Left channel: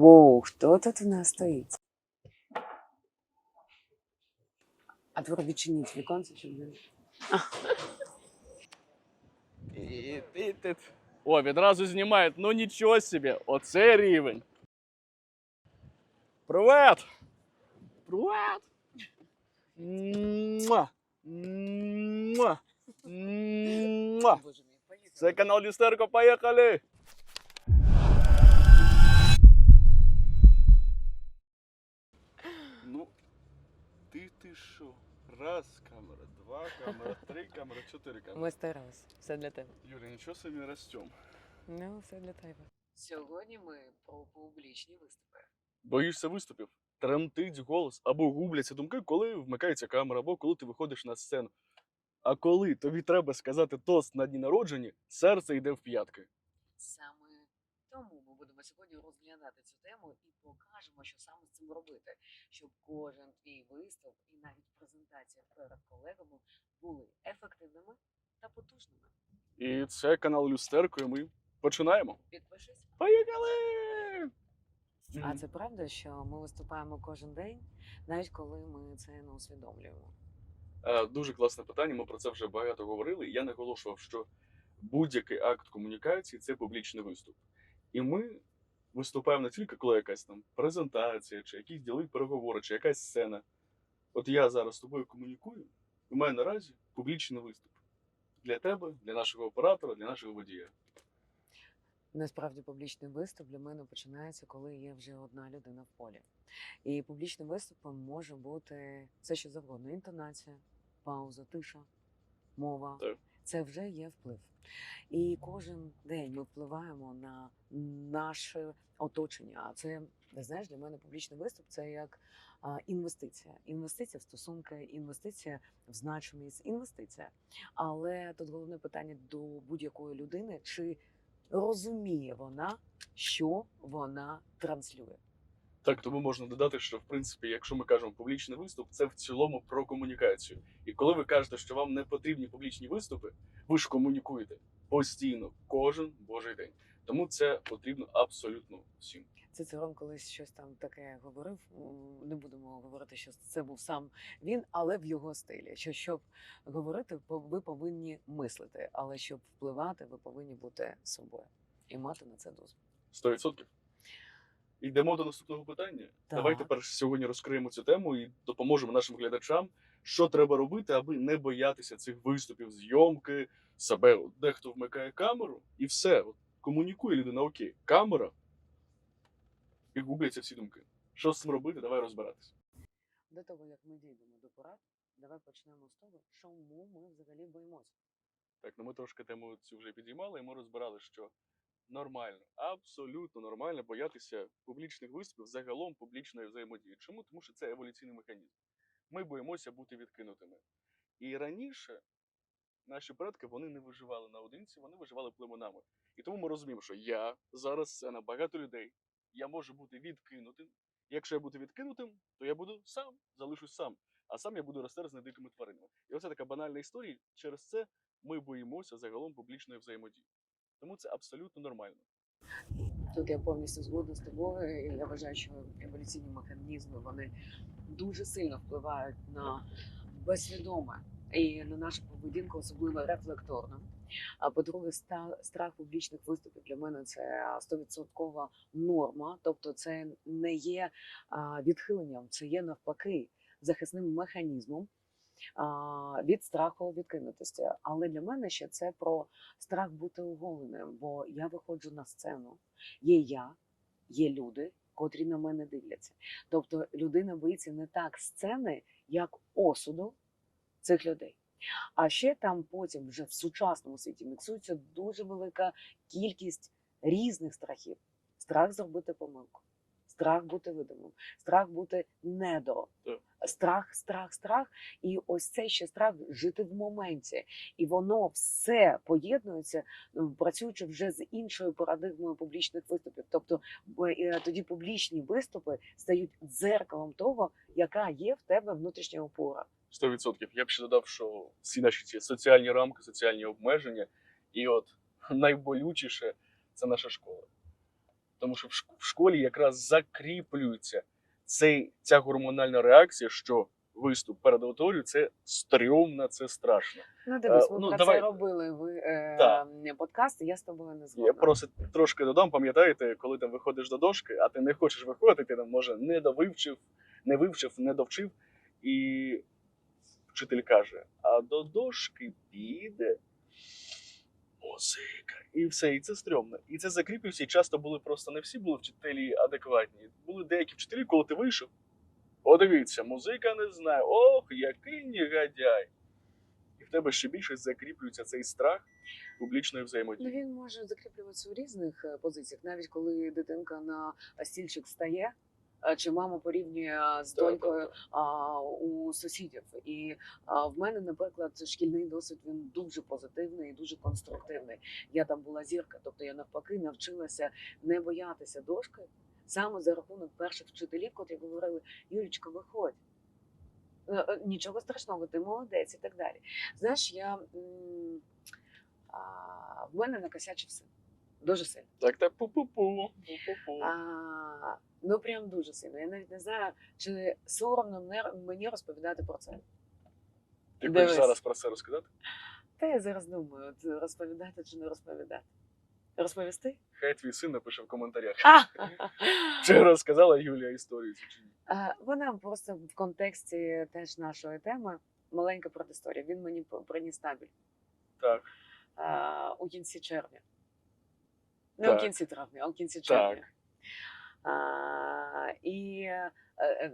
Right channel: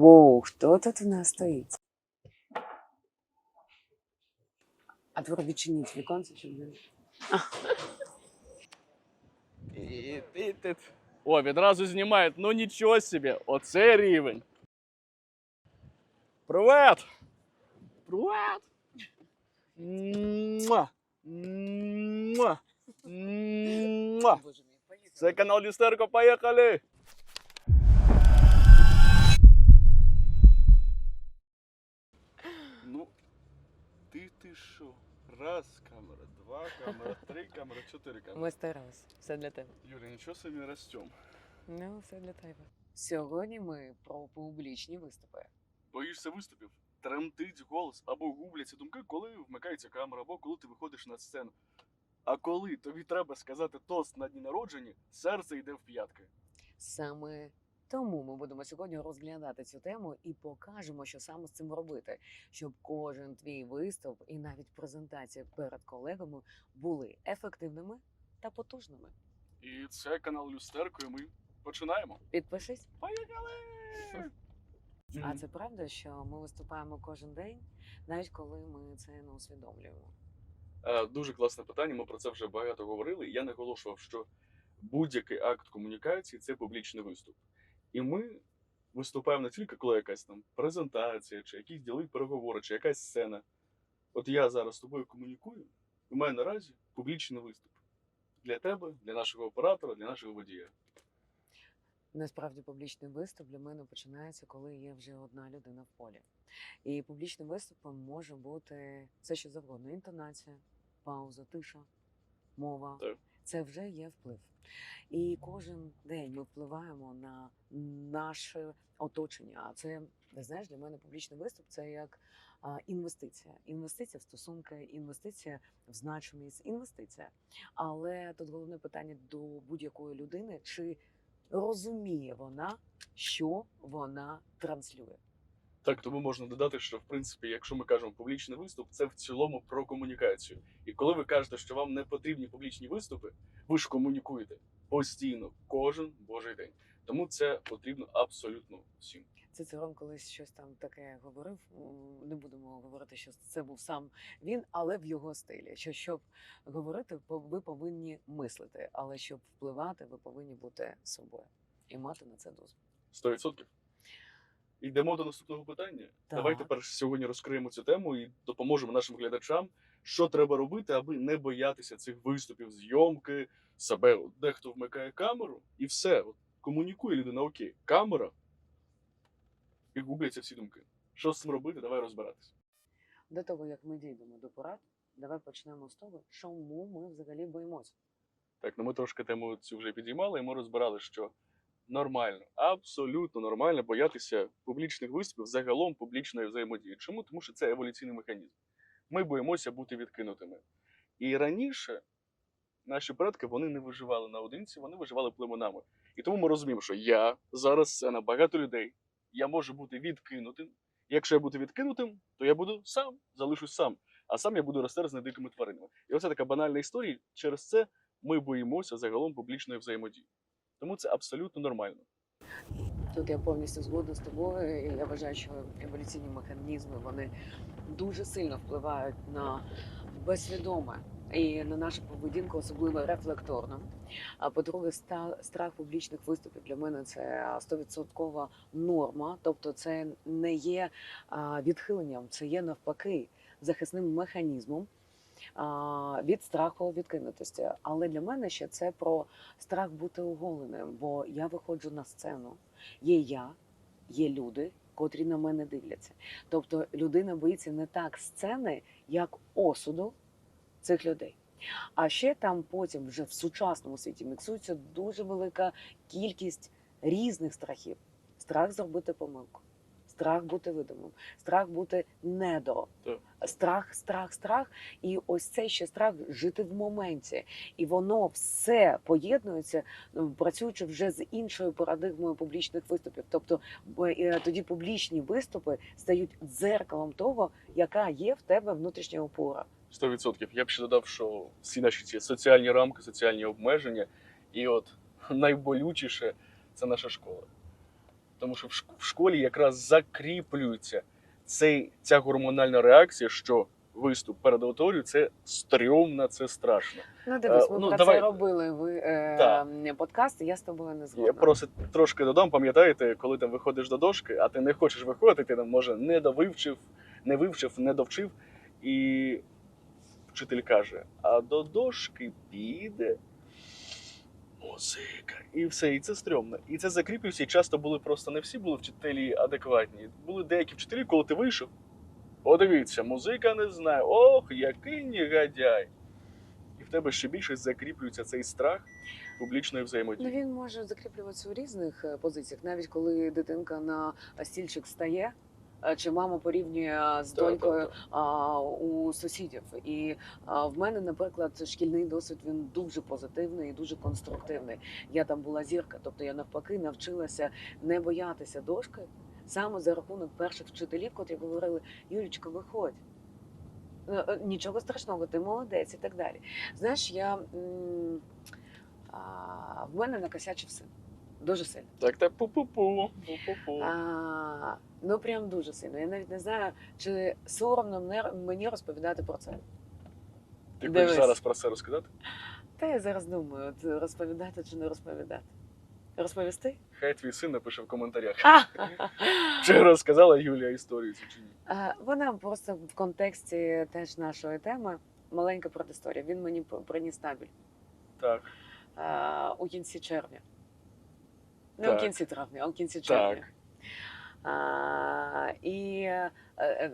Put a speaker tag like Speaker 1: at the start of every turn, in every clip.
Speaker 1: Воу, хто тут у нас стоїть? А тепер відчиніть віконце, щоб він.
Speaker 2: І ти, ти. О, відразу знімають. Ну нічого собі, оце рівень. Привет! Привет! Муа! Муа! Муа!
Speaker 1: Боже мій, поїхали.
Speaker 2: Це канал Люстерко, поїхали! Ну, ти ти що? Раз камера, два камера, три камера, чотири камери.
Speaker 1: Ми старалися. Все для тебе.
Speaker 2: Юля, нічого собі ростем.
Speaker 1: Ну, все для тебе. Сьогодні ми про публічні виступи.
Speaker 2: Боїшся виступів? Тремтить голос або губляться думки, коли вмикається камера, або коли ти виходиш на сцену. А коли тобі треба сказати тост на дні народження, серце йде в п'ятки.
Speaker 1: Саме тому ми будемо сьогодні розглядати цю тему і покажемо, що саме з цим робити, щоб кожен твій виступ і навіть презентація перед колегами були ефективними та потужними.
Speaker 2: І це канал Люстерко, і ми починаємо.
Speaker 1: Підпишись.
Speaker 2: Поїхали!
Speaker 1: А це правда, що ми виступаємо кожен день, навіть коли ми це не усвідомлюємо.
Speaker 2: Е, Дуже класне питання. Ми про це вже багато говорили. Я наголошував, що будь-який акт комунікації це публічний виступ. І ми виступаємо не тільки коли якась там презентація, чи якісь ділові переговори, чи якась сцена. От я зараз з тобою комунікую, і в мене наразі публічний виступ для тебе, для нашого оператора, для нашого водія.
Speaker 1: Насправді публічний виступ для мене починається, коли є вже одна людина в полі. І публічним виступом може бути все, що завгодно: інтонація, пауза, тиша, мова.
Speaker 2: Так.
Speaker 1: Це вже є вплив. І кожен день ми впливаємо на наше оточення. А це знаєш, для мене публічний виступ це як інвестиція. Інвестиція в стосунки, інвестиція в значимість, інвестиція. Але тут головне питання до будь-якої людини, чи розуміє вона, що вона транслює.
Speaker 2: Так, тому можна додати, що в принципі, якщо ми кажемо публічний виступ, це в цілому про комунікацію. І коли ви кажете, що вам не потрібні публічні виступи, ви ж комунікуєте постійно, кожен божий день. Тому це потрібно абсолютно всім.
Speaker 1: Цицерон колись щось там таке говорив. Не будемо говорити, що це був сам він, але в його стилі. Що щоб говорити, ви повинні мислити, але щоб впливати, ви повинні бути собою і мати на це дозвіл.
Speaker 2: 100%. Йдемо до наступного питання.
Speaker 1: Так.
Speaker 2: Давайте перш сьогодні розкриємо цю тему і допоможемо нашим глядачам, що треба робити, аби не боятися цих виступів, зйомки, себе. Дехто вмикає камеру і все. От, комунікує людина, окей, камера, і губляться всі думки. Що з цим робити? Давай розбиратися.
Speaker 1: До того як ми дійдемо до порад, давай почнемо з того, чому ми взагалі боїмося.
Speaker 2: Так, ну ми трошки тему цю вже підіймали, і ми розбирали, що нормально, абсолютно нормально боятися публічних виступів, загалом публічної взаємодії. Чому? Тому що це еволюційний механізм. Ми боїмося бути відкинутими. І раніше наші предки вони не виживали наодинці, вони виживали племенами. І тому ми розуміємо, що я зараз це на багато людей. Я можу бути відкинутим. Якщо я буду відкинутим, то я буду сам, залишусь сам. А сам я буду розтерзаний дикими тваринами. І оце така банальна історія. Через це ми боїмося загалом публічної взаємодії. Тому це абсолютно нормально.
Speaker 1: Тут я повністю згодна з тобою. Я вважаю, що еволюційні механізми вони дуже сильно впливають на безсвідоме і на нашу поведінку, особливо рефлекторно. А по-друге, страх публічних виступів для мене це 100% норма. Тобто, це не є відхиленням, це є навпаки захисним механізмом. Від страху відкинутості, але для мене ще це про страх бути оголеним, бо я виходжу на сцену, є я, є люди, котрі на мене дивляться. Тобто людина боїться не так сцени, як осуду цих людей. А ще там потім вже в сучасному світі міксується дуже велика кількість різних страхів: страх зробити помилку, страх бути видимим, страх бути недо. Страх, страх, страх, і ось цей ще страх жити в моменті, і воно все поєднується, ну, працюючи вже з іншою парадигмою публічних виступів. Тобто е, тоді публічні виступи стають дзеркалом того, яка є в тебе внутрішня опора.
Speaker 2: 100%. Я б ще додав, що всі наші ці соціальні рамки, соціальні обмеження, і от найболючіше це наша школа. Тому що в школі якраз закріплюється цей, ця гормональна реакція, що виступ перед аудиторією це стрьомно, це страшно.
Speaker 1: Ну, дивись,
Speaker 2: Е,
Speaker 1: ми
Speaker 2: ну,
Speaker 1: про
Speaker 2: давай-
Speaker 1: це робили ви, е, подкаст, і я з тобою не
Speaker 2: Я
Speaker 1: згодна.
Speaker 2: просто трошки додам, пам'ятаєте, коли ти виходиш до дошки, а ти не хочеш виходити, ти там може не довивчив, не вивчив, не довчив, і вчитель каже: а до дошки піде музика. І все, і це стрьомно. І це закріплюється, і часто були просто не всі були вчителі адекватні. Були деякі вчителі, коли ти вийшов. Подивіться, музика не знає. Ох, який негодяй. І в тебе ще більше закріплюється цей страх публічної взаємодії.
Speaker 1: Ну, він може закріплюватися у різних е, позиціях, навіть коли дитинка на стільчик стає. Е, Чи мама порівнює з донькою у сусідів. І в мене, наприклад, шкільний досвід він дуже позитивний і дуже конструктивний. Я там була зірка, тобто я навпаки навчилася не боятися дошки саме за рахунок перших вчителів, котрі говорили: Юлічка, виходь. Е, е, Нічого страшного, ти молодець і так далі. Знаєш, я а, в мене накосячив син. Дуже сильно.
Speaker 2: Так, так, пу-пу-пу.
Speaker 1: А, ну прям дуже сильно. Я навіть не знаю, чи соромно мені розповідати про це.
Speaker 2: Ти хочеш зараз про це розказати?
Speaker 1: Та я зараз думаю, от розповідати чи не розповідати. Розповісти?
Speaker 2: Хай твій син напише в коментарях. Чи розказала Юлія історію цю чи ні?
Speaker 1: Е, Вона просто в контексті теж нашої теми маленька предісторія. Він мені приніс табель
Speaker 2: Так,
Speaker 1: е, у кінці червня. Не у кінці травня, а у кінці червня.
Speaker 2: так.
Speaker 1: А, і е, е,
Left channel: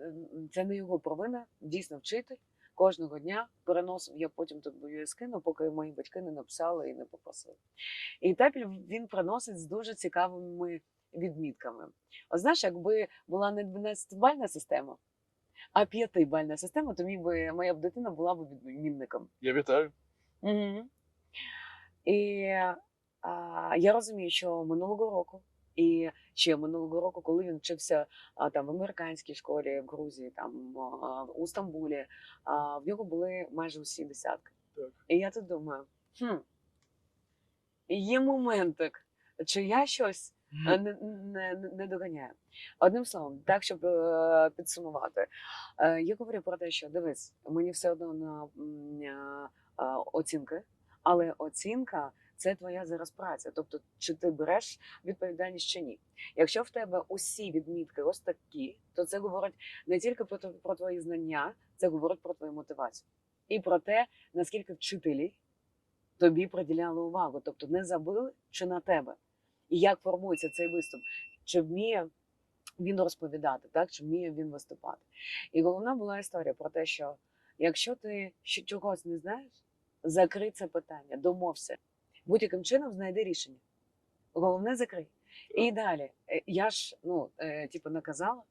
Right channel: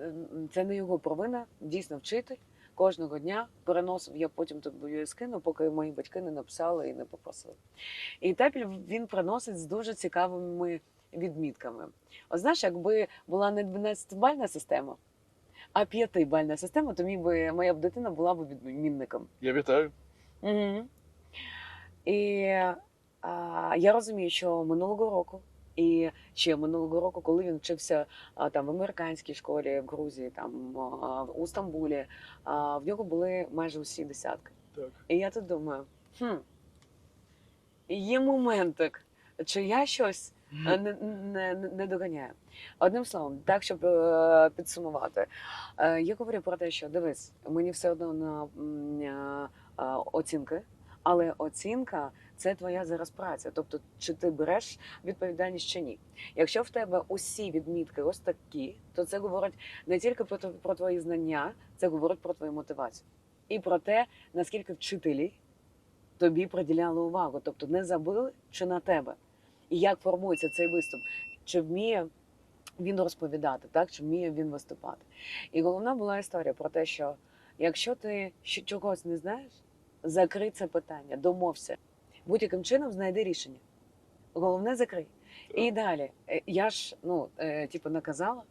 Speaker 1: це не його провина, дійсно вчитель. Кожного дня переносив, я потім тобі скину, поки мої батьки не написали і не попросили. І табель він приносить з дуже цікавими відмітками. От знаєш, якби була не 12-бальна система, а 5-бальна система, то мій би, моя б дитина була б відмінником.
Speaker 2: Я вітаю.
Speaker 1: Угу. І я розумію, що минулого року, і ще минулого року, коли він вчився а, там в американській школі в Грузії, там а, у Стамбулі, а, в нього були майже усі десятки.
Speaker 2: Так.
Speaker 1: І я тут думаю, хм, є моментик, чи я щось е, не, не, не- доганяю. Одним словом, так, щоб е, підсумувати, е, я говорю про те, що дивись, мені все одно на е, е, оцінки, але оцінка це твоя зараз праця. Тобто, чи ти береш відповідальність чи ні. Якщо в тебе усі відмітки ось такі, то це говорить не тільки про, про твої знання, це говорить про твою мотивацію і про те, наскільки вчителі тобі приділяли увагу, тобто не забили чи на тебе. І як формується цей виступ, чи вміє він розповідати, так чи вміє він виступати. І головна була історія про те, що якщо ти чогось не знаєш, закрий це питання, домовся. Будь-яким чином знайди рішення. Головне закрий. І далі. Е, Я ж ну, е, типу, наказала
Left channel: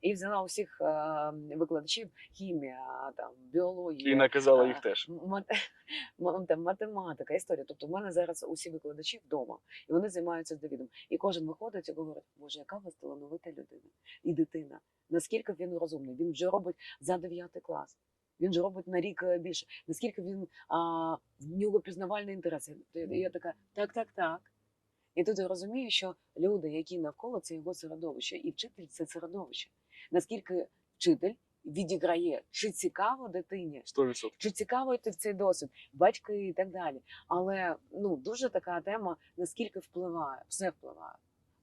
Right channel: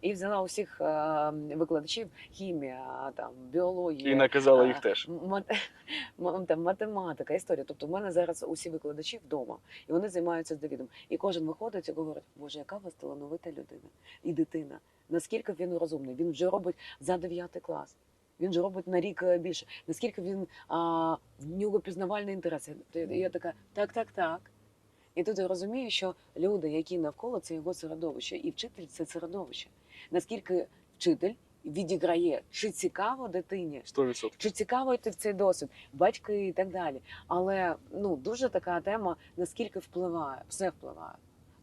Speaker 1: і взяла усіх е, викладачів хімія, там, біологія.
Speaker 2: І наказала
Speaker 1: а,
Speaker 2: їх теж.
Speaker 1: мат- там, математика, історія. Тобто в мене зараз усі викладачі вдома, і вони займаються з Давідом. І кожен виходить і говорить, боже, яка у вас талановита людина і дитина. Наскільки він розумний? Він вже робить за 9 клас. Він же робить на рік е, більше. Наскільки він а, в нього пізнавальний інтерес. І Я така, так, так, так. І тут я розумію, що люди, які навколо, це його середовище, і вчитель це середовище. Наскільки вчитель відіграє, чи цікаво дитині,
Speaker 2: 100%.
Speaker 1: чи цікаво йти в цей досвід, батьки і так далі. Але ну дуже така тема, наскільки впливає, все впливає.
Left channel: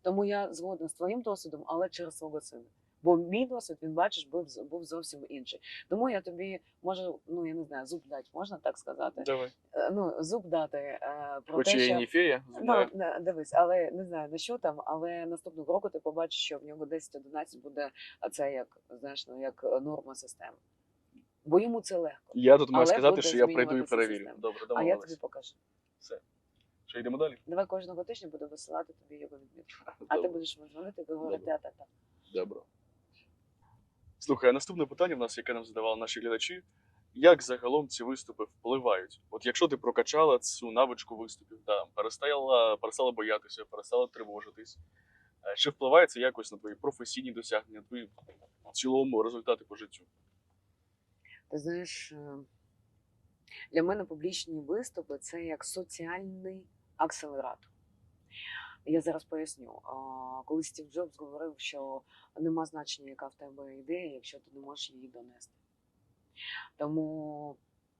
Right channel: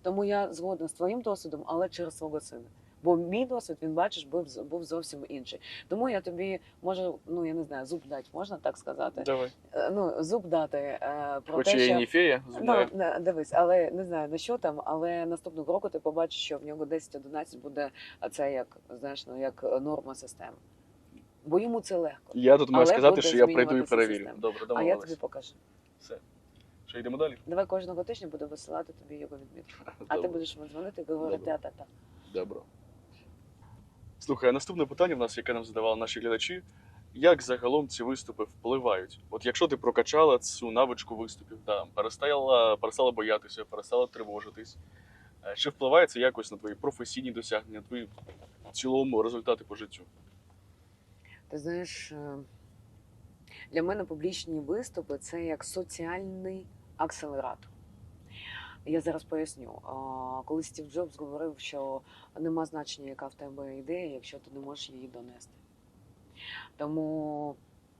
Speaker 1: Тому я згодна з твоїм досвідом, але через свого сина. Бо мій досвід, він бачиш, був, був зовсім інший. Тому я тобі можу, ну я не знаю, зуб дати, можна так сказати.
Speaker 2: Давай.
Speaker 1: Е, Ну, зуб дати е, про
Speaker 2: Хоч
Speaker 1: те, що
Speaker 2: не фея,
Speaker 1: Ну, дивись, але не знаю на що там, але наступного року ти побачиш, що в нього 10-11 буде а це як знаєш, ну як норма системи. Бо йому це легко.
Speaker 2: Я тут маю сказати, що я прийду і перевірю. Добре,
Speaker 1: а я тобі покажу.
Speaker 2: Все. Що, йдемо далі?
Speaker 1: Давай кожного тижня буду висилати тобі його відмітку. А ти будеш мені дзвонити і говорити
Speaker 2: Добре.
Speaker 1: та-та-та.
Speaker 2: Добре. Слухай, наступне питання в нас, яке нам задавали наші глядачі. Як загалом ці виступи впливають? От якщо ти прокачала цю навичку виступів, там, перестала, перестала боятися, перестала тривожитись, е, чи впливає це якось на твої професійні досягнення, на твої в цілому результати по життю?
Speaker 1: Ти знаєш, е, для мене публічні виступи це як соціальний акселератор. Я зараз поясню. Коли Стів Джобс говорив, що нема значення, яка в тебе ідея, якщо ти не можеш її донести. Тому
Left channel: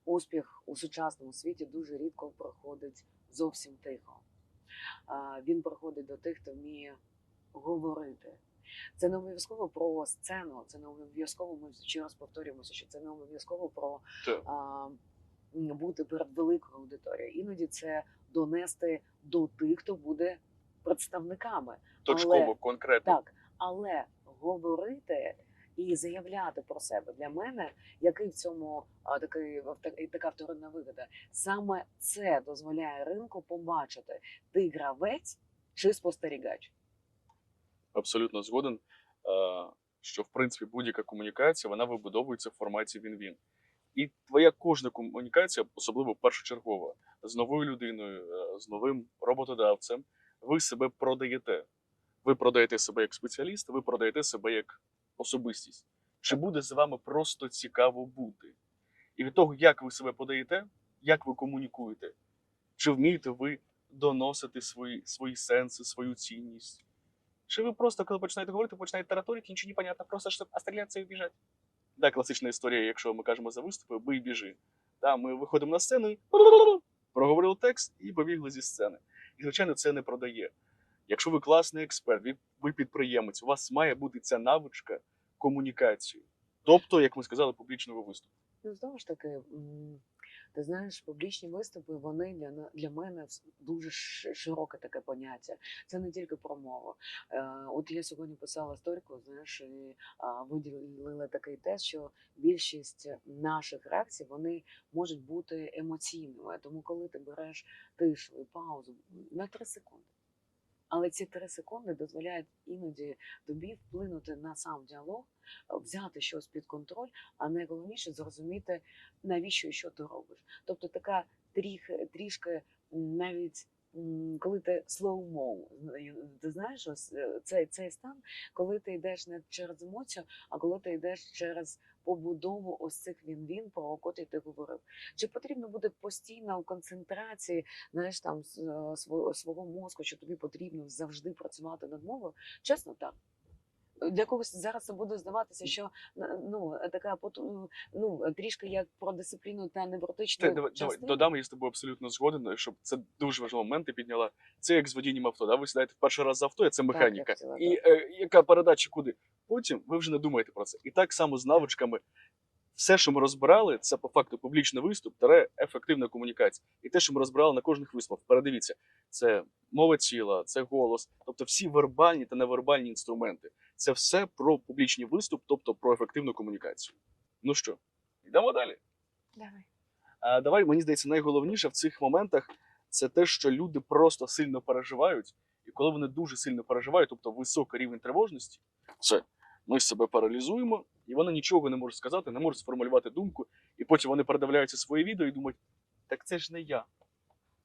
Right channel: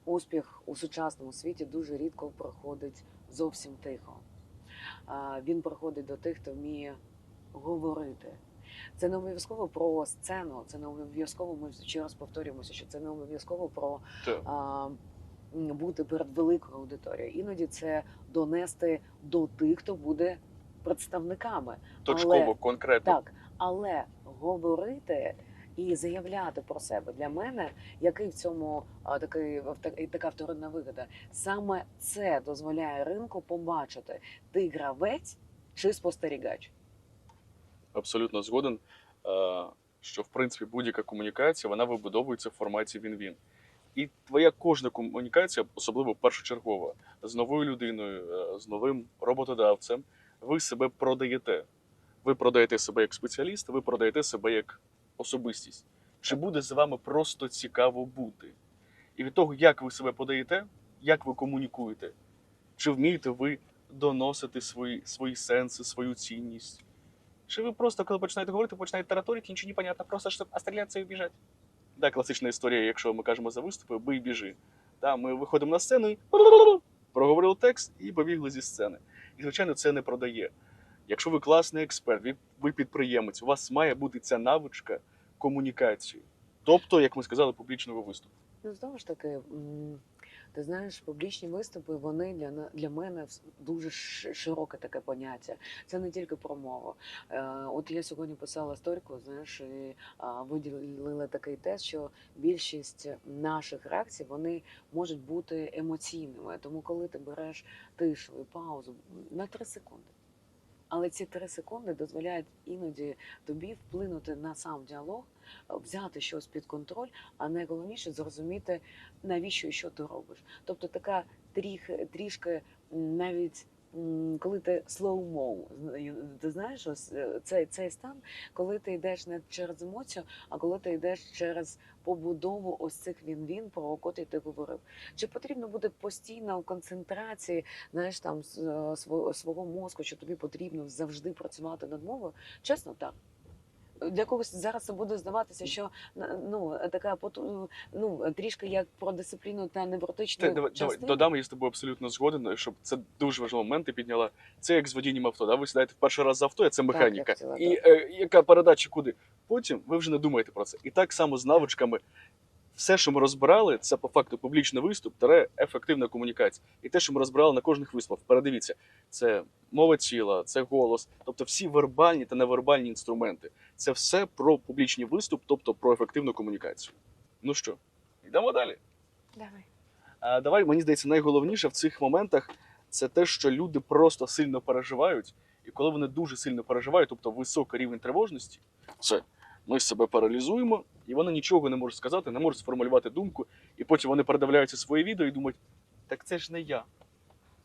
Speaker 1: успіх у сучасному світі дуже рідко проходить зовсім тихо. Він проходить до тих, хто вміє говорити. Це не обов'язково про сцену, це не обов'язково. Ми ще раз повторюємося, що це не обов'язково про а, бути перед великою аудиторією. Іноді це донести до тих, хто буде представниками.
Speaker 2: Точково, конкретно.
Speaker 1: Так, але говорити і заявляти про себе для мене, який в цьому а, такий така вторинна вигода, саме це дозволяє ринку побачити, ти гравець чи спостерігач.
Speaker 2: Абсолютно згоден, що в принципі будь-яка комунікація вона вибудовується в форматі він-він. І твоя кожна комунікація, особливо першочергова, з новою людиною, е, з новим роботодавцем, ви себе продаєте. Ви продаєте себе як спеціаліст, ви продаєте себе як особистість. Чи буде з вами просто цікаво бути? І від того, як ви себе подаєте, як ви комунікуєте, чи вмієте ви доносити свої, свої сенси, свою цінність? Чи ви просто, коли починаєте говорити, починаєте тараторити, нічого не понятно, просто щоб остріляться і біжать? Да, класична історія, якщо ми кажемо за виступи, бий біжи. Да, ми виходимо на сцену і проговорили текст і побігли зі сцени. І, звичайно, це не продає. Якщо ви класний експерт, ви, підприємець, у вас має бути ця навичка комунікації. Тобто, як ми сказали, публічного виступу.
Speaker 1: Ну, знову ж таки, ти знаєш, публічні виступи вони для для мене дуже широке таке поняття. Це не тільки про мову. Е, От я сьогодні писала сторіку, знаєш, і виділила такий тест, що більшість наших реакцій вони можуть бути емоційними. Тому, коли ти береш тишу і паузу на три секунди. Але ці три секунди дозволяють іноді тобі вплинути на сам діалог, взяти щось під контроль, а найголовніше зрозуміти, навіщо і що ти робиш. Тобто така тріх, трішки навіть. Коли ти slow-mo, ти знаєш, ось е, цей, цей стан, коли ти йдеш не через емоцію, а коли ти йдеш через побудову ось цих він-він, про котрі ти говорив. Чи потрібно буде постійно в концентрації, знаєш, там е, свого, свого мозку, що тобі потрібно завжди працювати над мовою? Чесно, так. Для когось зараз це буде здаватися, що ну така ну трішки як про дисципліну та невротичну
Speaker 2: Те, давай, давай, додам, я з тобою абсолютно згоден, щоб це дуже важливий момент ти підняла. Це як з водінням авто. Да? Ви сідаєте в перший раз за авто, а це
Speaker 1: я
Speaker 2: механіка.
Speaker 1: хотіла,
Speaker 2: і
Speaker 1: так.
Speaker 2: е, яка передача куди? Потім ви вже не думаєте про це. І так само з навичками. Все, що ми розбирали, це по факту публічний виступ, таре ефективна комунікація. І те, що ми розбирали на кожних виступах, передивіться, це мова тіла, це голос, тобто всі вербальні та невербальні інструменти. Це все про публічний виступ, тобто про ефективну комунікацію. Ну що, йдемо далі.
Speaker 1: Давай.
Speaker 2: А давай, мені здається, найголовніше в цих моментах це те, що люди просто сильно переживають. І коли вони дуже сильно переживають, тобто високий рівень тривожності, це ми себе паралізуємо, і вони нічого не можуть сказати, не можуть сформулювати думку, і потім вони передивляються своє відео і думають: так це ж не я.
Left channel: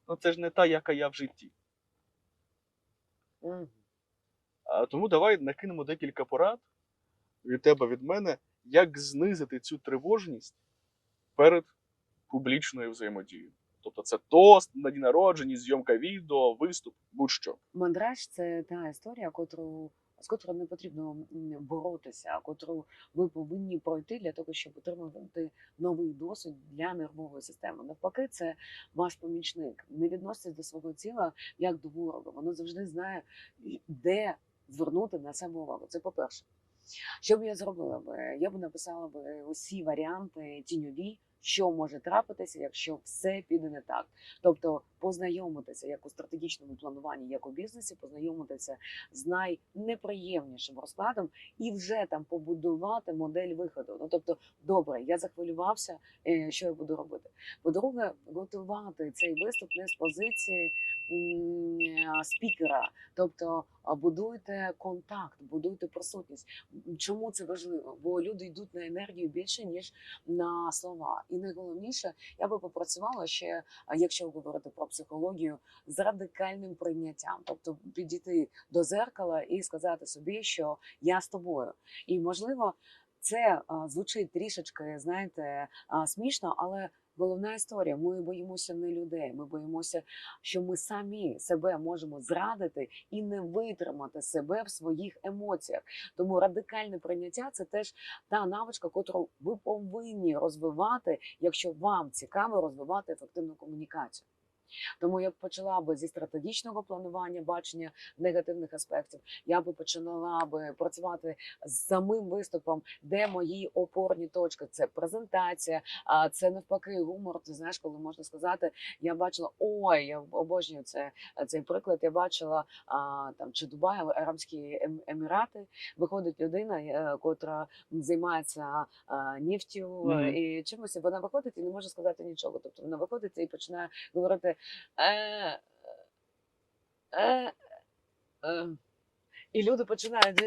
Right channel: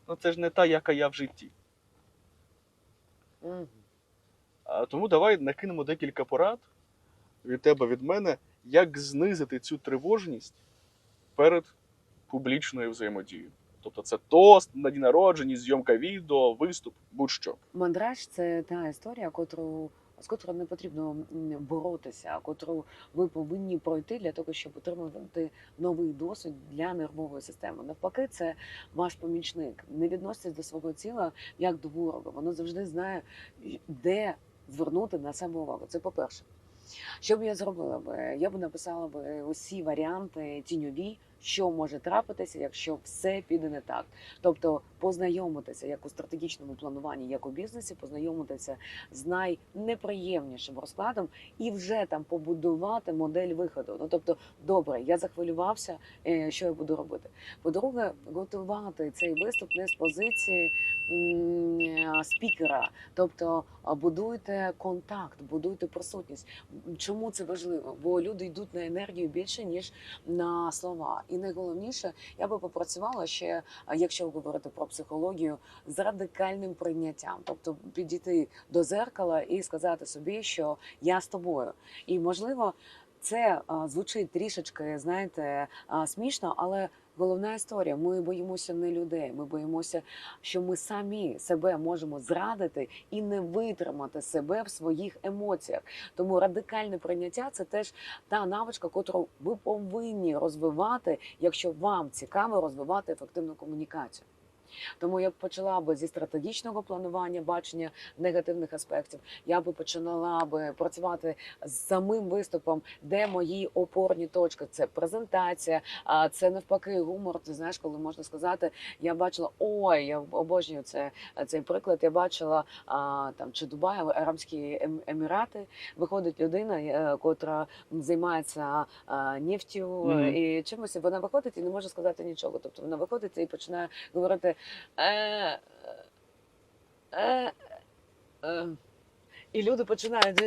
Speaker 2: Ну це ж не та, яка я в житті.
Speaker 1: Мгм.
Speaker 2: А тому давай накинемо декілька порад від тебе, від мене, як знизити цю тривожність перед публічною взаємодією. Тобто це тост на день народження, зйомка відео, виступ, будь-що.
Speaker 1: Мандраж це та історія, котру з котрою не потрібно боротися, котру ви повинні пройти для того, щоб отримати новий досвід для нервової системи. Навпаки, це ваш помічник. Не відноситесь до свого тіла як до ворога. Воно завжди знає, де звернути на себе увагу. Це по-перше. Що б я зробила би? Я б написала б усі варіанти тіньові, що може трапитися, якщо все піде не так. Тобто познайомитися як у стратегічному плануванні, як у бізнесі, познайомитися з найнеприємнішим розкладом і вже там побудувати модель виходу. Ну тобто, добре, я захвилювався, е, що я буду робити. По-друге, готувати цей виступ не з позиції е, спікера, тобто будуйте контакт, будуйте присутність. Чому це важливо? Бо люди йдуть на енергію більше ніж на слова. І найголовніше, я би попрацювала ще, якщо говорити про психологію, з радикальним прийняттям, тобто підійти до зеркала і сказати собі, що я з тобою. І можливо, Це звучить трішечки, знаєте, смішно, але головна історія. Ми боїмося не людей. Ми боїмося, що ми самі себе можемо зрадити і не витримати себе в своїх емоціях. Тому радикальне прийняття це теж та навичка, котру ви повинні розвивати, якщо вам цікаво розвивати ефективну комунікацію. Тому я б почала би зі стратегічного планування, бачення негативних аспектів. Я би починала би працювати з самим виступом, де мої опорні точки. Це презентація, а це навпаки гумор. Ти знаєш, коли можна сказати, я бачила ой, я обожнюю це цей приклад. Я бачила а, там чи Дубай, Арабські Ем- Емірати. Виходить людина, котра займається нефтю
Speaker 2: Мгм.
Speaker 1: е, і чимось. Вона виходить і не може сказати нічого. Тобто вона виходить і починає говорити. Е, е, е. І люди починають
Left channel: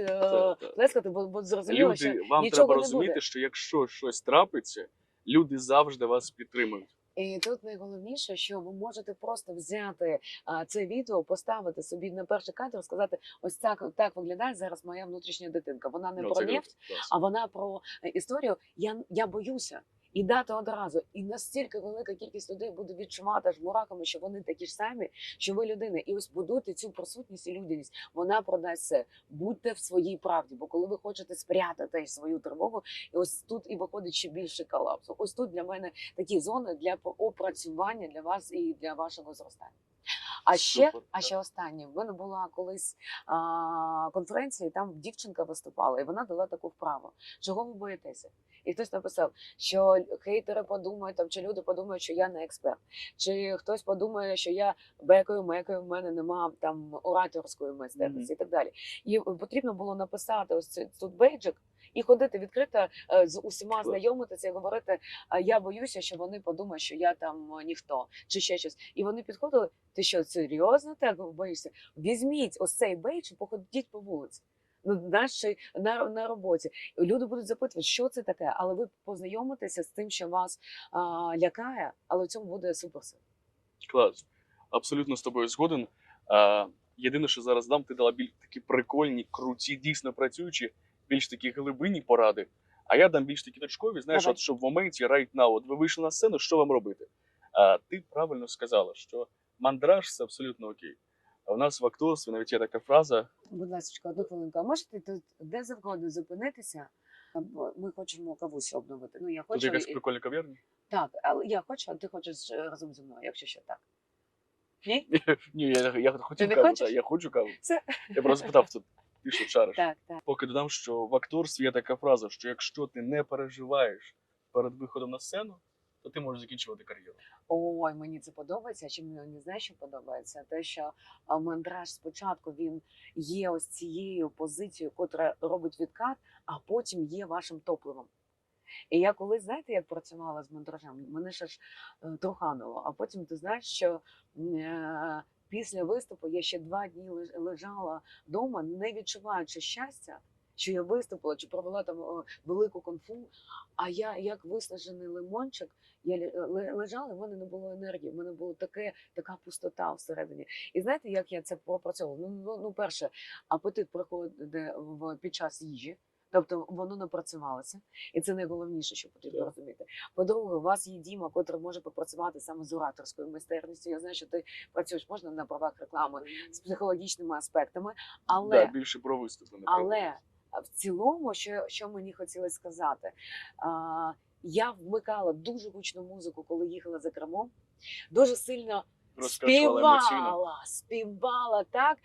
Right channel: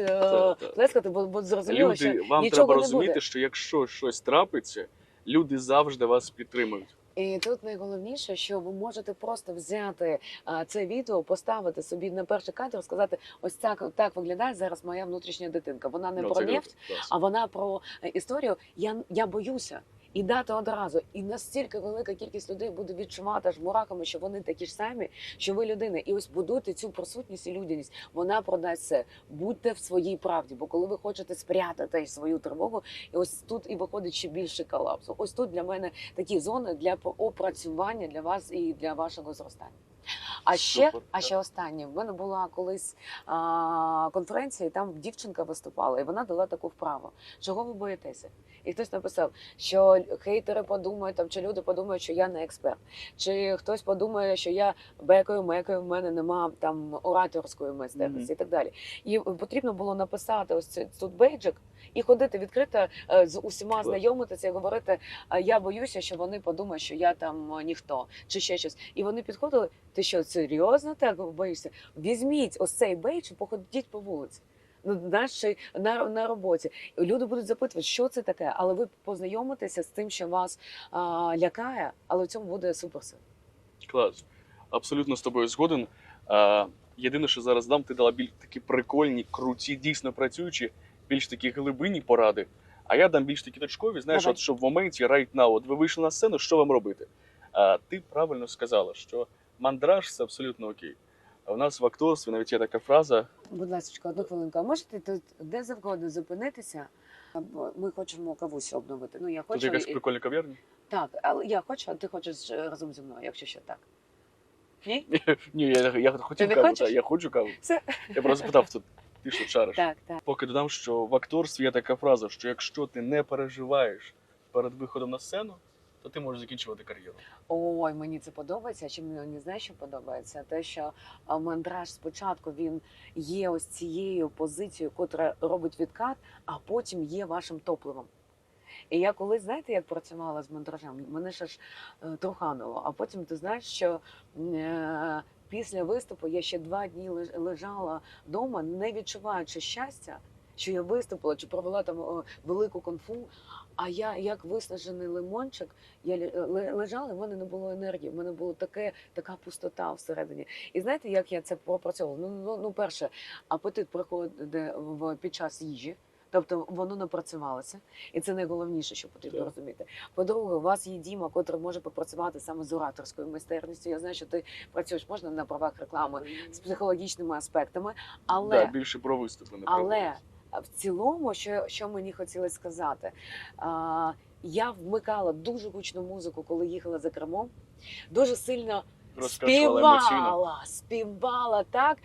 Speaker 1: плескати, бо, бо зрозуміло, що
Speaker 2: вам
Speaker 1: нічого
Speaker 2: треба
Speaker 1: не
Speaker 2: розуміти,
Speaker 1: буде.
Speaker 2: що якщо щось трапиться, люди завжди вас підтримують.
Speaker 1: І тут найголовніше, що ви можете просто взяти а, це відео, поставити собі на перший кадр, сказати: ось так, так виглядає зараз моя внутрішня дитинка. Вона не
Speaker 2: Ну,
Speaker 1: про нефть, а вона про історію. Я, я боюся. І дати одразу, і настільки велика кількість людей буде відчувати ж мураками, що вони такі ж самі, що ви людина. І ось будуйте цю присутність і людяність. Вона продасть все. Будьте в своїй правді. Бо коли ви хочете спрятати свою тривогу, і ось тут і виходить ще більше колапсу. Ось тут для мене такі зони для опрацювання для вас і для вашого зростання. А ще,
Speaker 2: Супер,
Speaker 1: а ще останнє. В мене була колись а, конференція, і там дівчинка виступала, і вона дала таку вправу. Чого ви боїтеся? І хтось написав, що хейтери подумають, там, чи люди подумають, що я не експерт, чи хтось подумає, що я бекаю, мекаю, в мене нема там ораторської майстерності і так далі. І потрібно було написати ось цей тут бейджик і ходити відкрито е, з усіма знайомитися і говорити: я боюся, що вони подумають, що я там е, ніхто чи ще щось. І вони підходили. Ти що, серйозно так боїшся? Візьміть ось цей бейдж і походіть по вулиці. Ну, чи на, на роботі люди будуть запитувати, що це таке, але ви познайомитеся з тим, що вас а, лякає, але в цьому буде суперсил.
Speaker 2: Клас. Абсолютно з тобою згоден. А, єдине, що зараз дам, ти дала більш такі прикольні, круті, дійсно працюючі, більш такі глибинні поради. А я дам більш такі точкові, знаєш, от що в моменті right now, от ви вийшли на сцену, що вам робити? А, ти правильно сказала, що мандраж це абсолютно окей. А у нас в акторстві навіть є така фраза:
Speaker 1: Будь ласка, одну хвилинку. А можете тут де завгодно зупинитися? Ми хочемо кавусю обновити. Ну я
Speaker 2: тут якась
Speaker 1: і-
Speaker 2: прикольна кав'ярня.
Speaker 1: так, але я хочу, а ти хочеш е, разом зі мною, якщо що так. Ні?
Speaker 2: Ні, я, я хотів
Speaker 1: не
Speaker 2: каву,
Speaker 1: хочеш?
Speaker 2: та, я хочу каву.
Speaker 1: Все.
Speaker 2: Я просто питав тут, ти що шариш?
Speaker 1: Так, так.
Speaker 2: Поки додам, що в акторстві є така фраза, що якщо ти не переживаєш перед виходом на сцену, то ти можеш закінчувати кар'єру.
Speaker 1: Ой, мені це подобається. Чим мені знаєш, що подобається? Те, що мандраж спочатку він є ось цією позицією, котра робить відкат, а потім є вашим топливом. І я колись, знаєте, як працювала з мандражем, мене ще ж е, трухануло. А потім ти знаєш, що е, після виступу я ще два дні лежала вдома, не відчуваючи щастя, що я виступила чи провела там велику конфу. А я як виснажений лимончик, я ле- ле- лежала, і в мене не було енергії. В мене була таке, така пустота всередині. І знаєте, як я це пропрацьовувала? Ну, ну, ну перше, апетит приходить в під час їжі. Тобто воно напрацювалося, і це найголовніше, що потрібно
Speaker 2: Так.
Speaker 1: розуміти. По-друге, у вас є Діма, котрий може попрацювати саме з ораторською майстерністю. Я знаю, що ти працюєш можна на правах реклами з психологічними аспектами, але
Speaker 2: Да, більше про виступи, не
Speaker 1: але в цілому, що, що мені хотілося сказати, а, я вмикала дуже гучну музику, коли їхала за кермом. Дуже сильно співала, співала так.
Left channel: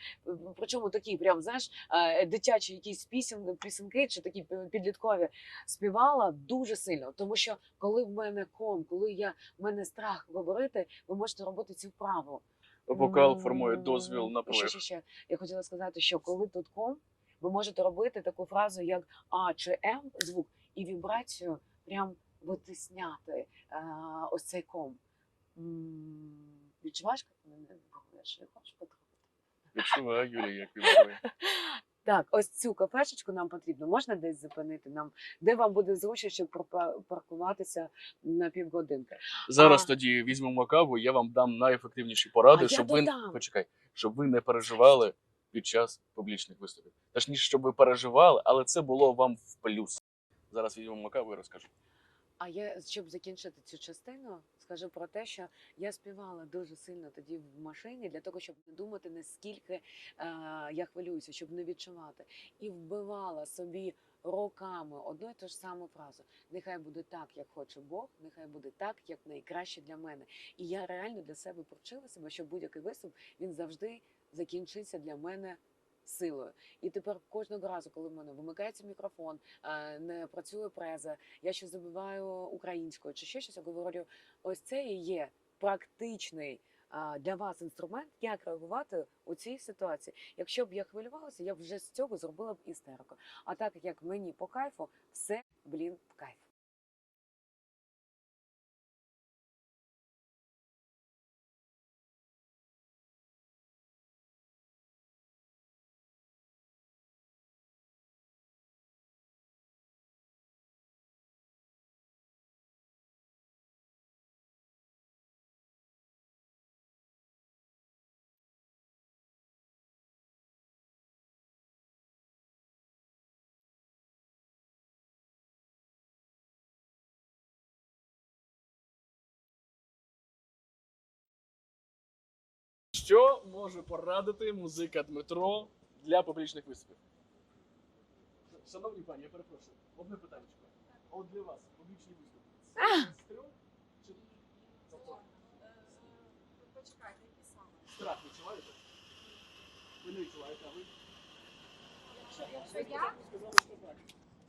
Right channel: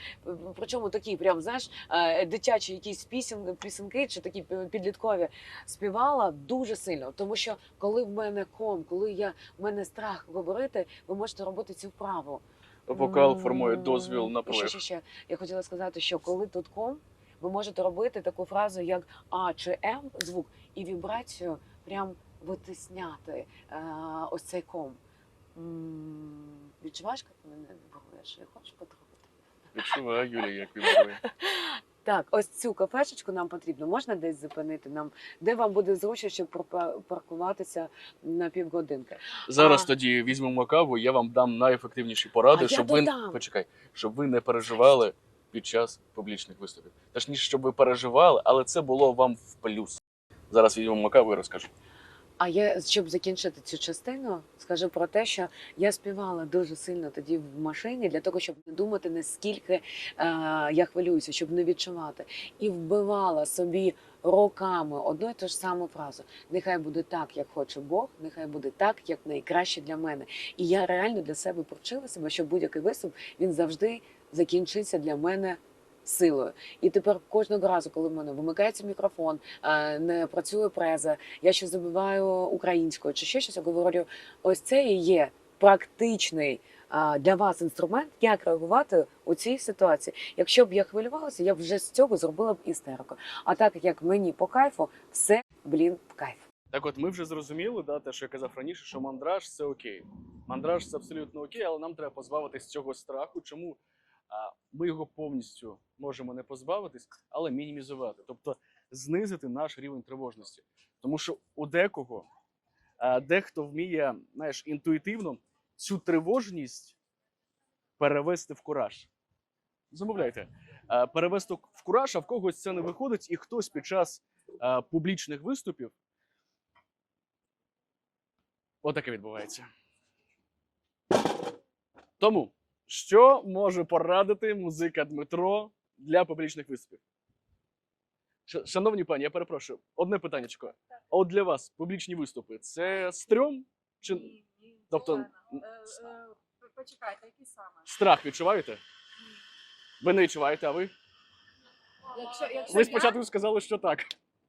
Speaker 1: Причому такі, прям знаєш, е, дитячі якісь пісен, пісенки чи такі підліткові співала дуже сильно. Тому що коли в мене ком, коли я в мене страх говорити, ви можете робити цю вправу.
Speaker 2: Вокал формує дозвіл на
Speaker 1: Ще, ще, ще. Я хотіла сказати, що коли тут ком, ви можете робити таку фразу, як А чи М звук, і вібрацію прям витисняти е, ось цей ком. Відчуваєш, як мене вибруєш? Я хочу потрохи.
Speaker 2: Відчуваю, Юлія, як виборює.
Speaker 1: Так, ось цю кафешечку нам потрібно. Можна десь зупинити нам, де вам буде зручно, щоб паркуватися на півгодинки.
Speaker 2: Зараз
Speaker 1: А.
Speaker 2: тоді візьмемо каву, я вам дам найефективніші поради,
Speaker 1: А
Speaker 2: щоб ви
Speaker 1: додам.
Speaker 2: почекай, щоб ви не переживали під час публічних виступів. Точніше, щоб ви переживали, але це було вам в плюс. Зараз візьмемо каву і розкажу.
Speaker 1: А я щоб закінчити цю частину, скажу про те, що я співала дуже сильно тоді в машині для того, щоб не думати наскільки е, я хвилююся, щоб не відчувати, і вбивала собі роками одну і ту ж саму фразу: нехай буде так, як хоче Бог, нехай буде так, як найкраще для мене. І я реально для себе провчила себе, що будь-який виступ він завжди закінчиться для мене. Силою, і тепер кожного разу, коли в мене вимикається мікрофон, не працює преза, я ще забиваю українською чи ще щось, я говорю, ось це і є практичний для вас інструмент, як реагувати у цій ситуації. Якщо б я хвилювалася, я б вже з цього зробила б істерику. А так як мені по кайфу, все блін в кайф.
Speaker 2: Так от ми вже зрозуміли, да, те, що я казав раніше, що мандраж це окей. Мандраж це абсолютно окей, але нам треба позбавитись цього страху. Чому? Ми його повністю можемо не позбавитись, але мінімізувати. Тобто знизити наш рівень тривожності. Тому що у декого, дехто вміє, знаєш, інтуїтивно цю тривожність перевести в кураж. Замовляйте. Перевести в кураж, а в когось це не виходить, і хтось під час публічних виступів Отаке відбувається. Тому, що може порадити музика Дмитро для публічних виступів? Шановні пані, я перепрошую, одне питаннячко. А от для вас публічні виступи це стрьом чи Тобто,
Speaker 3: Почекайте, які саме?
Speaker 2: страх відчуваєте? Ви не відчуваєте, а ви?
Speaker 3: Якщо, якщо
Speaker 2: Ви спочатку сказали, що так.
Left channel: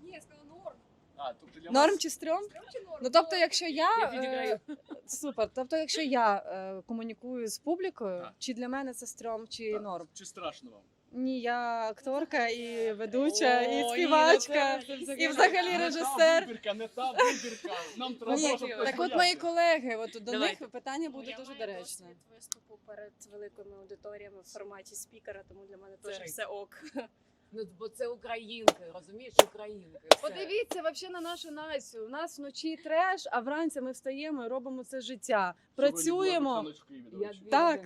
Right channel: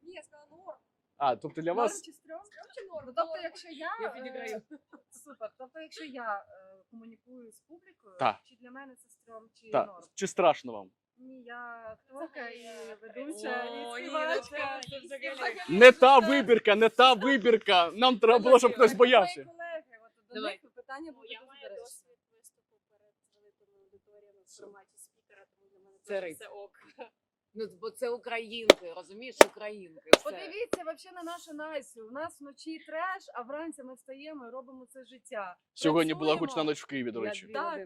Speaker 3: Ні, я сказала норм.
Speaker 2: А, тобто для
Speaker 4: Норм
Speaker 2: вас
Speaker 4: чи стрьом?
Speaker 3: Чи норм?
Speaker 4: Ну тобто, якщо я,
Speaker 1: Я
Speaker 4: е, супер. Тобто, якщо я е, комунікую з публікою,
Speaker 2: Так.
Speaker 4: чи для мене це стрьом, чи
Speaker 2: Так.
Speaker 4: норм?
Speaker 2: чи страшно вам?
Speaker 4: Ні, я акторка і ведуча,
Speaker 1: О,
Speaker 4: і співачка,
Speaker 1: ну це
Speaker 4: і
Speaker 1: взагалі.
Speaker 2: Не та
Speaker 4: режисер.
Speaker 2: вибірка, не та вибірка. Нам треба було, щоб хтось
Speaker 4: так мої
Speaker 2: боявся.
Speaker 4: колеги, от до
Speaker 1: Давай.
Speaker 4: них питання буде
Speaker 3: Ну, я
Speaker 4: дуже доречне.
Speaker 3: досвід виступу перед великими аудиторіями в форматі спікера, тому для мене
Speaker 1: Це
Speaker 3: теж все ок.
Speaker 1: Ну, бо це українки, розумієш, українки.
Speaker 4: Подивіться вообще на нашу Настю. У нас вночі треш, а вранці ми встаємо і робимо це життя.
Speaker 2: Сьогодні була
Speaker 4: Працюємо.
Speaker 2: гучна ніч в Києві, до речі.
Speaker 4: Так.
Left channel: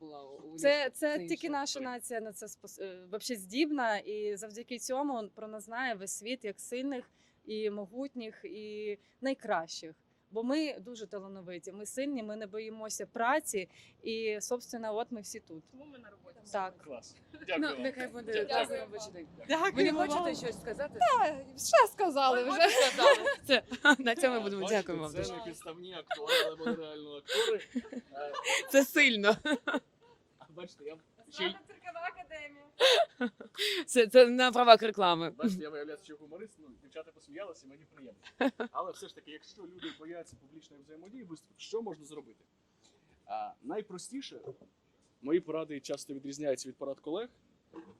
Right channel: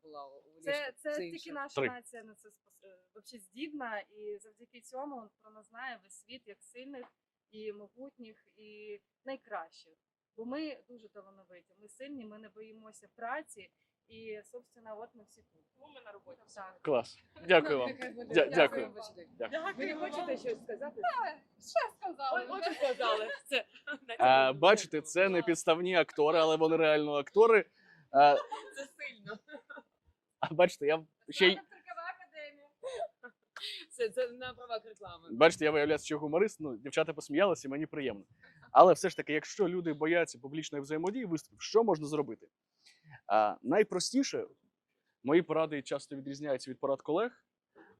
Speaker 1: Була у
Speaker 4: Це, це тільки наша
Speaker 2: Три.
Speaker 4: нація на це спос... е, вообще здібна, і завдяки цьому про нас знає весь світ як сильних і могутніх, і найкращих. Бо ми дуже талановиті, ми сильні, ми не боїмося праці, і собственно, от ми всі тут.
Speaker 3: Тому ми на роботі.
Speaker 4: Так.
Speaker 2: Клас. Дякую вам.
Speaker 1: Нехай
Speaker 2: дякую.
Speaker 4: Дякую.
Speaker 1: Ви не хочете щось сказати?
Speaker 4: Що сказали вже?
Speaker 1: Це, на цьому
Speaker 2: бачите, це не підставні актори, але вони реально актори.
Speaker 1: Це сильно.
Speaker 2: а бачите, я ще й.
Speaker 1: Це, це на правах реклами.
Speaker 2: бачите, я виявляюся, що гуморист. Ну, дівчата посміялися, мені приємно. Але все ж таки, якщо люди бояться публічної взаємодії, виступів, що можна зробити? А, найпростіше, мої поради часто відрізняються від порад колег,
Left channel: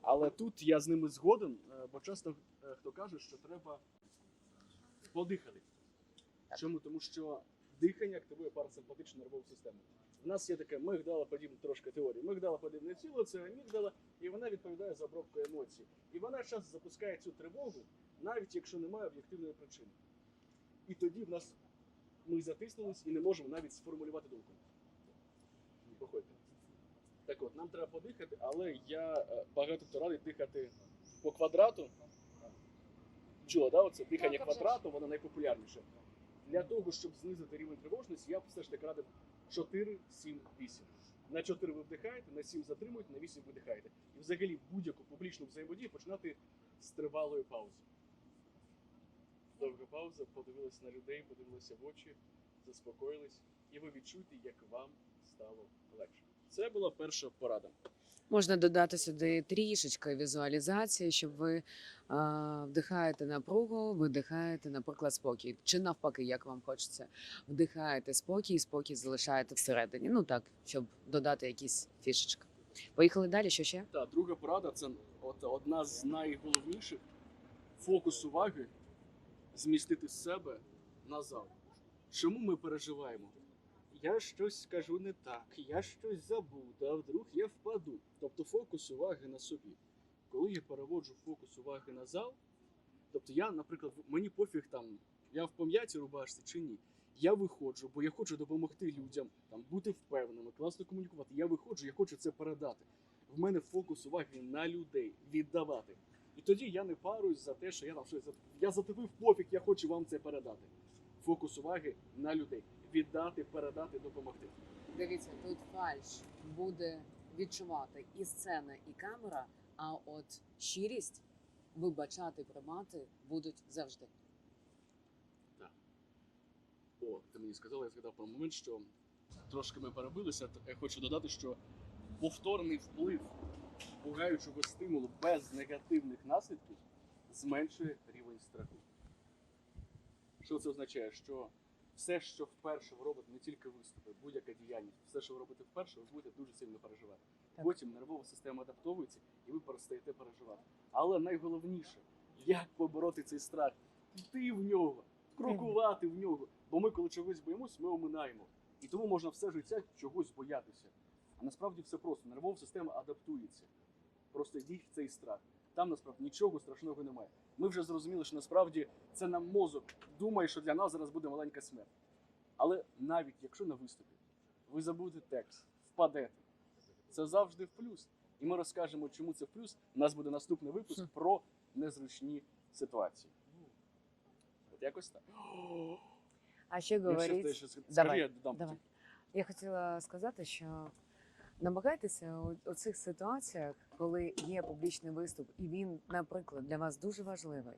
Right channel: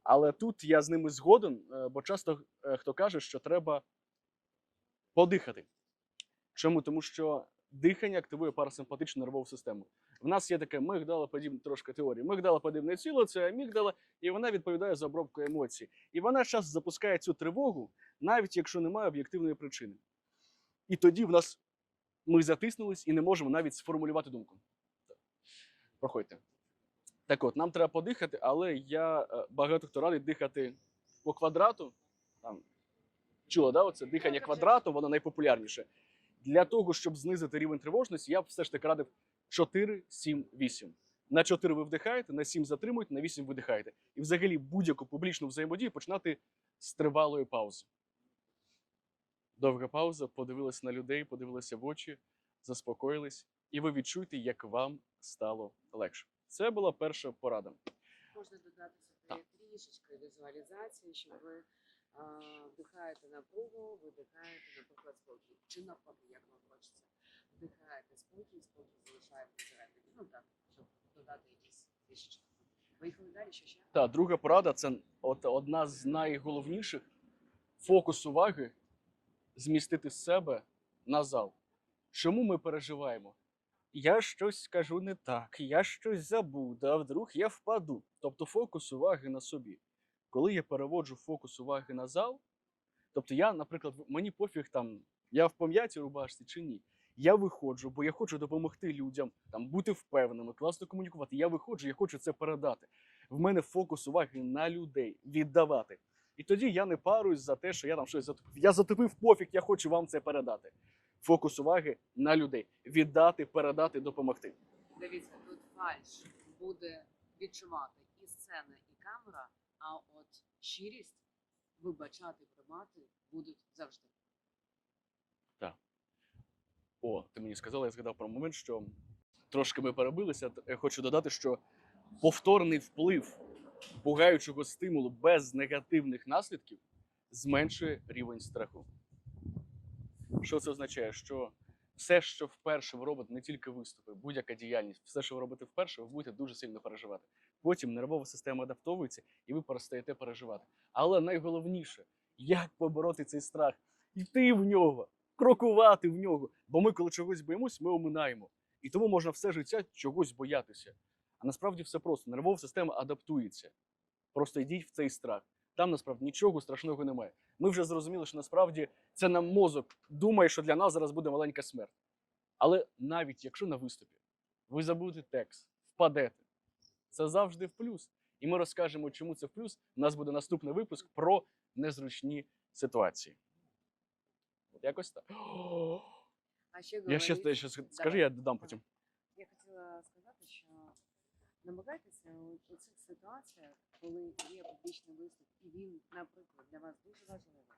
Speaker 2: але тут я з ними згоден, е, бо часто е, хто каже, що треба подихати. Чому? Тому що дихання активує парасимпатичну нервову систему. В нас є таке мигдалоподібна трошки теорія. Мигдалоподібне тіло це амігдала, і вона відповідає за обробку емоцій. І вона часто запускає цю тривогу, навіть якщо немає об'єктивної причини. І тоді в нас ми затиснулись і не можемо навіть сформулювати думку. Проходьте. Так от, нам треба подихати, але я е, багато хто радить дихати по квадрату. Там, чула, да, оце дихання квадрату, воно найпопулярніше. Для того, щоб знизити рівень тривожності, я б все ж таки радив 4, 7, 8. На 4 ви вдихаєте, на 7 затримуєте, на 8 видихаєте. І взагалі будь-яку публічну взаємодію починати з тривалої паузи. Довга пауза, подивилися на людей, подивилися в очі, заспокоїлись, і ви відчуєте, як вам стало легше. Це була перша порада.
Speaker 1: Можна додати сюди трішечки візуалізації, щоб ви а, вдихаєте напругу, видихаєте, наприклад, спокій. Чи навпаки, як вам хочеться, вдихаєте спокій, спокій залишаєте всередині. Ну так, щоб додати якісь фішечки. Поїхали далі, що ще?
Speaker 2: Та друга порада це от одна з найголовніших фокус уваги змістити з себе на зал. Чому ми переживаємо? Я щось скажу не так, я щось забуду, а вдруг я впаду. Тобто фокус уваги на собі. Коли я переводжу фокус уваги на зал, тобто я, наприклад, мені пофіг там, я в пом'ятій рубашці чи ні. Я виходжу, бо я хочу допомогти людям, там бути впевненими, класно комунікувати. Я виходжу, я хочу це передати. В мене фокус уваги на людей віддавати. І тоді я не паруюсь за те, що я там щось затупив. Я затупив пофіг, я хочу вам це передати. Фокус уваги на людей. Віддати, передати, допомогти.
Speaker 1: Дивіться, тут фальш буде відчувати і сцена, і камера, а от щирість вибачати, приймати будуть завжди.
Speaker 2: Так О, ти мені сказала, я згадав про момент, що трошки ми перебилися. Я хочу додати, що повторний вплив пугаючого стимулу без негативних наслідків зменшує рівень страху. Що це означає? Що все, що вперше ви робите, не тільки виступи, будь-яка діяльність, все, що ви робите вперше, ви будете дуже сильно переживати. Потім нервова система адаптовується, і ви перестаєте переживати. Але найголовніше, як побороти цей страх, йти в нього, крокувати в нього. Бо ми, коли чогось боїмось, ми оминаємо. І тому можна все життя чогось боятися. А насправді все просто. Нервова система адаптується. Просто йдіть в цей страх. Там насправді нічого страшного немає. Ми вже зрозуміли, що насправді це нам мозок думає, що для нас зараз буде маленька смерть. Але навіть якщо на виступі ви забудете текст, впадете, це завжди в плюс. І ми розкажемо, чому це в плюс. У нас буде наступний випуск про незручні ситуації. От якось так.
Speaker 1: А ще
Speaker 2: Я
Speaker 1: говорить,
Speaker 2: ще, я ще скажи,
Speaker 1: Давай,
Speaker 2: я додам
Speaker 1: давай.
Speaker 2: потім.
Speaker 1: я хотіла сказати, що намагайтеся у, цих ситуаціях, коли є публічний виступ, і він, наприклад, для вас дуже важливий,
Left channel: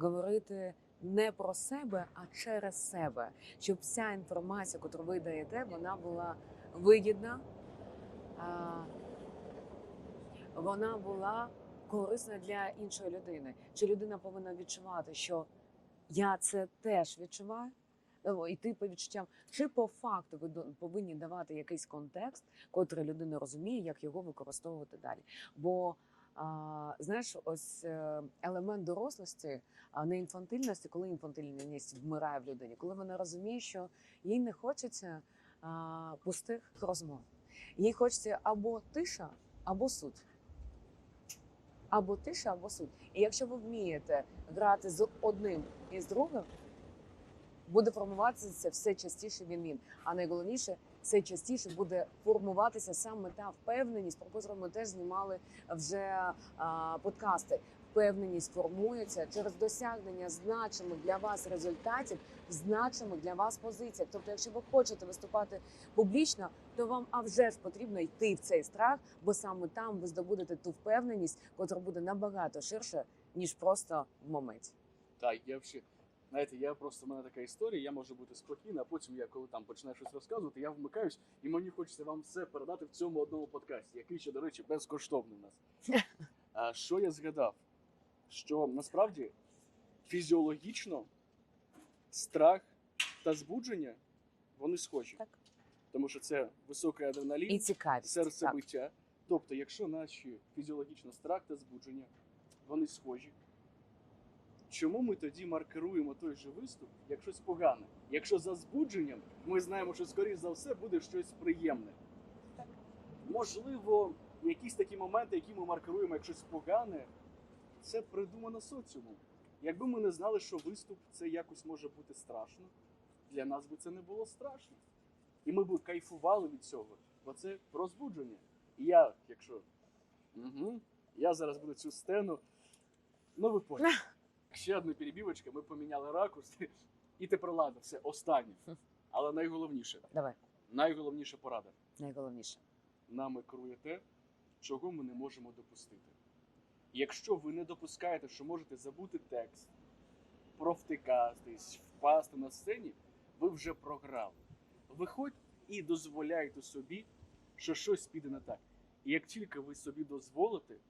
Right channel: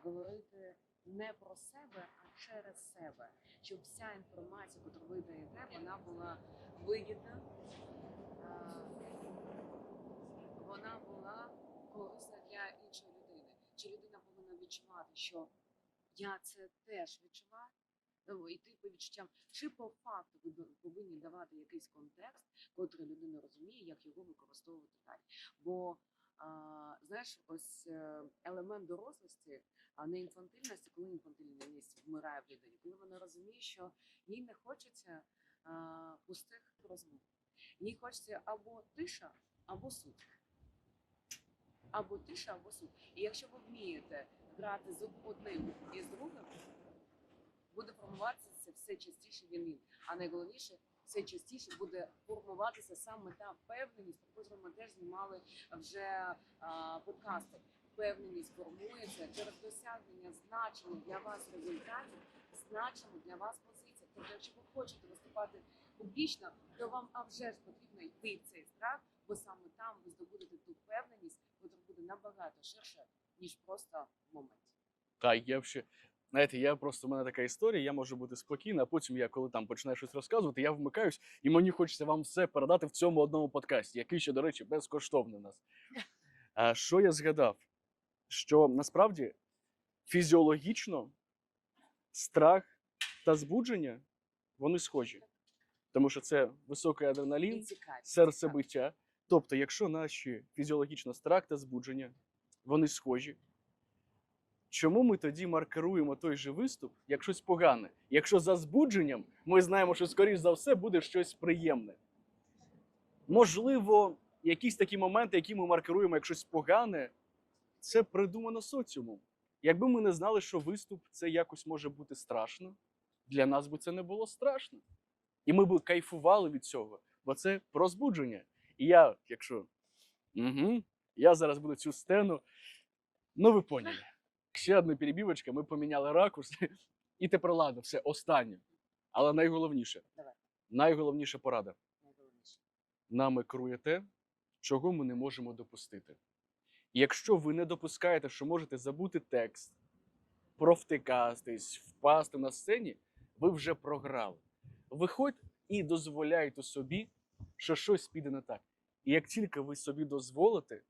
Speaker 1: говорити не про себе, а через себе, щоб вся інформація, яку ви даєте, вона була вигідна, вона була корисна для іншої людини. Чи людина повинна відчувати, що я це теж відчуваю? О, йти по відчуттям, чи по факту ви повинні давати якийсь контекст, котрий людина розуміє, як його використовувати далі. Бо знаєш, ось е, елемент дорослості, а не інфантильності, коли інфантильність вмирає в людині, коли вона розуміє, що їй не хочеться пустих розмов. Їй хочеться або тиша, або суд. Або тиша, або суд. І якщо ви вмієте грати з одним і з другим, буде формуватися все частіше він він. А найголовніше, все частіше буде формуватися саме та впевненість, про котру ми теж знімали вже а, подкасти. Впевненість формується через досягнення значимих для вас результатів, значимих для вас позиціях. Тобто, якщо ви хочете виступати публічно, то вам а вже ж потрібно йти в цей страх, бо саме там ви здобудете ту впевненість, котра буде набагато ширше, ніж просто в моменті.
Speaker 2: Та я ще. Знаєте, я просто в мене така історія, я можу бути спокійна, а потім я, коли там починаю щось розказувати, я вмикаюсь, і мені хочеться вам все передати в цьому одному подкасті, який ще, до речі, безкоштовний у нас. А що я згадав? Що насправді фізіологічно страх та збудження вони схожі.
Speaker 1: Так.
Speaker 2: Тому що це високий
Speaker 1: І цікавість.
Speaker 2: серцебиття. Тобто, якщо наші фізіологічно страх та збудження, вони схожі. Чому ми тоді маркеруємо той же виступ як щось погане? Якщо за збудженням ми знаємо, що скоріш за все буде щось приємне. Можливо, якісь такі моменти, які ми маркеруємо як щось погане, це придумано соціумом. Якби ми не знали, що виступ це якось може бути страшно, для нас би це не було страшно. І ми б кайфували від цього, бо це про збудження. І я, якщо угу, я зараз буду цю сцену, ну ви поняли. Ще одна перебівочка, ми поміняли ракурс, і тепер ладно, все останнє. Але найголовніше,
Speaker 1: Давай,
Speaker 2: найголовніша порада.
Speaker 1: найголовніше.
Speaker 2: Нами керує те, чого ми не можемо допустити. Якщо ви не допускаєте, що можете забути текст, провтикатись, впасти на сцені, ви вже програли. Виходьте і дозволяйте собі, що щось піде не так. І як тільки ви собі дозволите,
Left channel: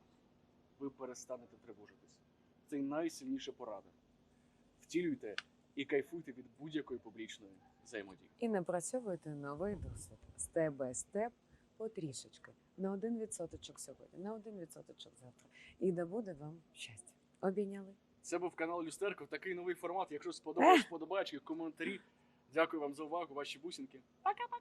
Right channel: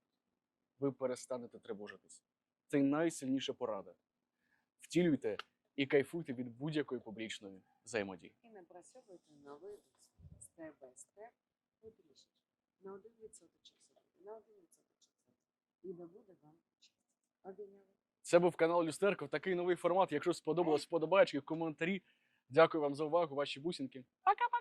Speaker 2: ви перестанете тривожитись. Це найсильніша порада. Втілюйте і кайфуйте від будь-якої публічної взаємодії.
Speaker 1: І напрацьовуйте новий досвід степ бай степ потрішечки. На один відсоточок сьогодні, на один відсоточок завтра. І да буде вам щастя. Обійняли.
Speaker 2: Це був канал Люстерко. Такий новий формат. Якщо сподобалось, подобаєчки, коментарі. Дякую вам за увагу, ваші бусинки. Пока-пока!